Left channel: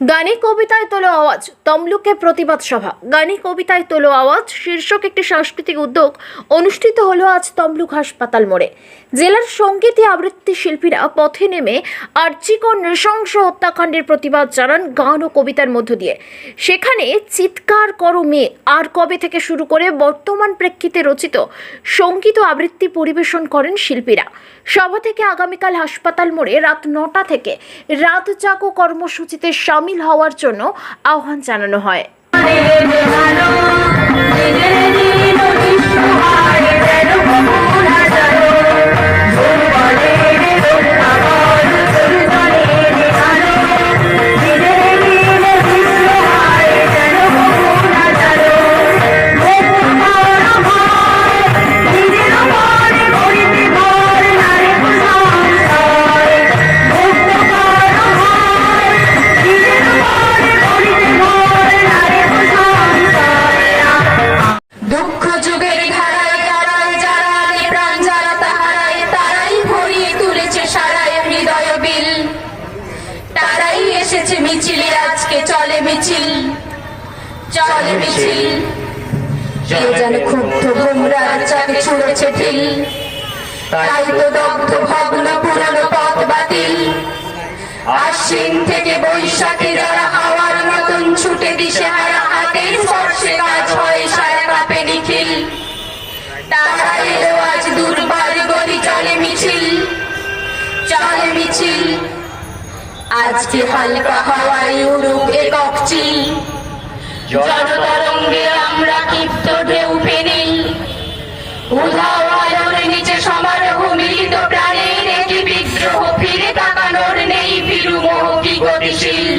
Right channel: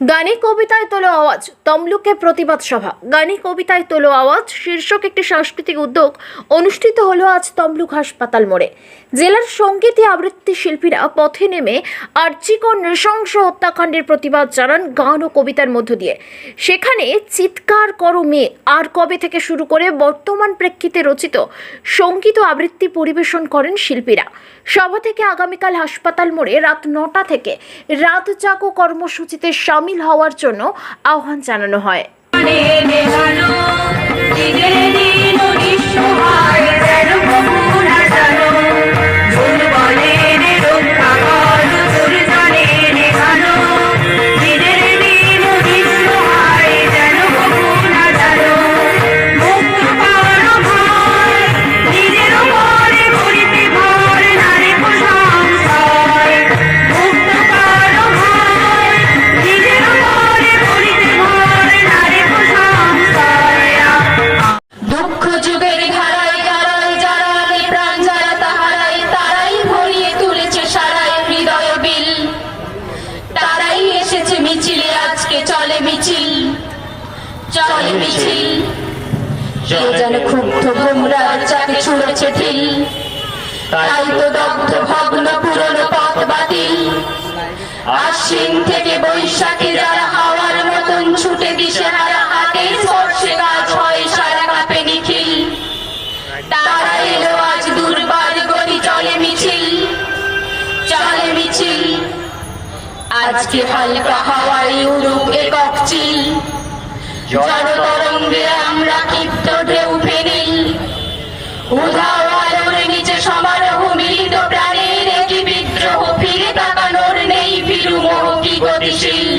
গানে কবিতায় তোলো আওয়াজ, তমলুকে প্রতিবাদ সভা। গানে কবিতায় তোলো আওয়াজ, শীর্ষক একটি সাংস্কৃতিক উদ্যোগ অনুষ্ঠিত হলো আজ তমলুক হাসপাতাল মোড়ে। জেলার সঙ্গীতী আবৃত্তি শিল্পীরা পথে নেমে আর্চিকর নৃশংস হত্যাকাণ্ডের প্রতিবাদ জানান গান ও কবিতার মধ্য দিয়ে। সেখানে চিৎকার করো মেয়ে, আর কবে থেকে শুরু করে বর্তমান প্রেক্ষিতে রচিত সংগীত আবৃত্তি পরিবেশন করেন শিল্পীরা। সভা থেকে আগামীকাল হাসপাতাল মোড়ে রাত নটা থেকে রাত চাকো কর্মসূচিতে সামিল হওয়ার জন্য আহ্বান জানানো হয়। মিছিলে আজকে চলে মিছিল। চলে মিছিল। কে জানে ক্ষুব্ধ গুমরার চাকে ছুড়েছে ঢিল। তাই তো দগ্ধ ভগ্ন পুরনো পথ বাতিল। আশ্বিন থেকে বৈশাখে যারা হাওয়ার মতন ছুটে দিশে হারা হাতের স্পর্শে কাজ হয় সারা কাপে নিখিল। তারা এলো আজ দুর্বার আজকে হালকা হাওয়ায় উড়ুক একক চিল। জনতরঙ্গে আমরা ক্ষিপ্ত ঢেউ ফেনি উধাও নিচে সমারোহ মিলিত প্রাণের একই বিদ্রোহ ফিরে তাকানোর নেই ফিরু মোহ কি গতিশীল?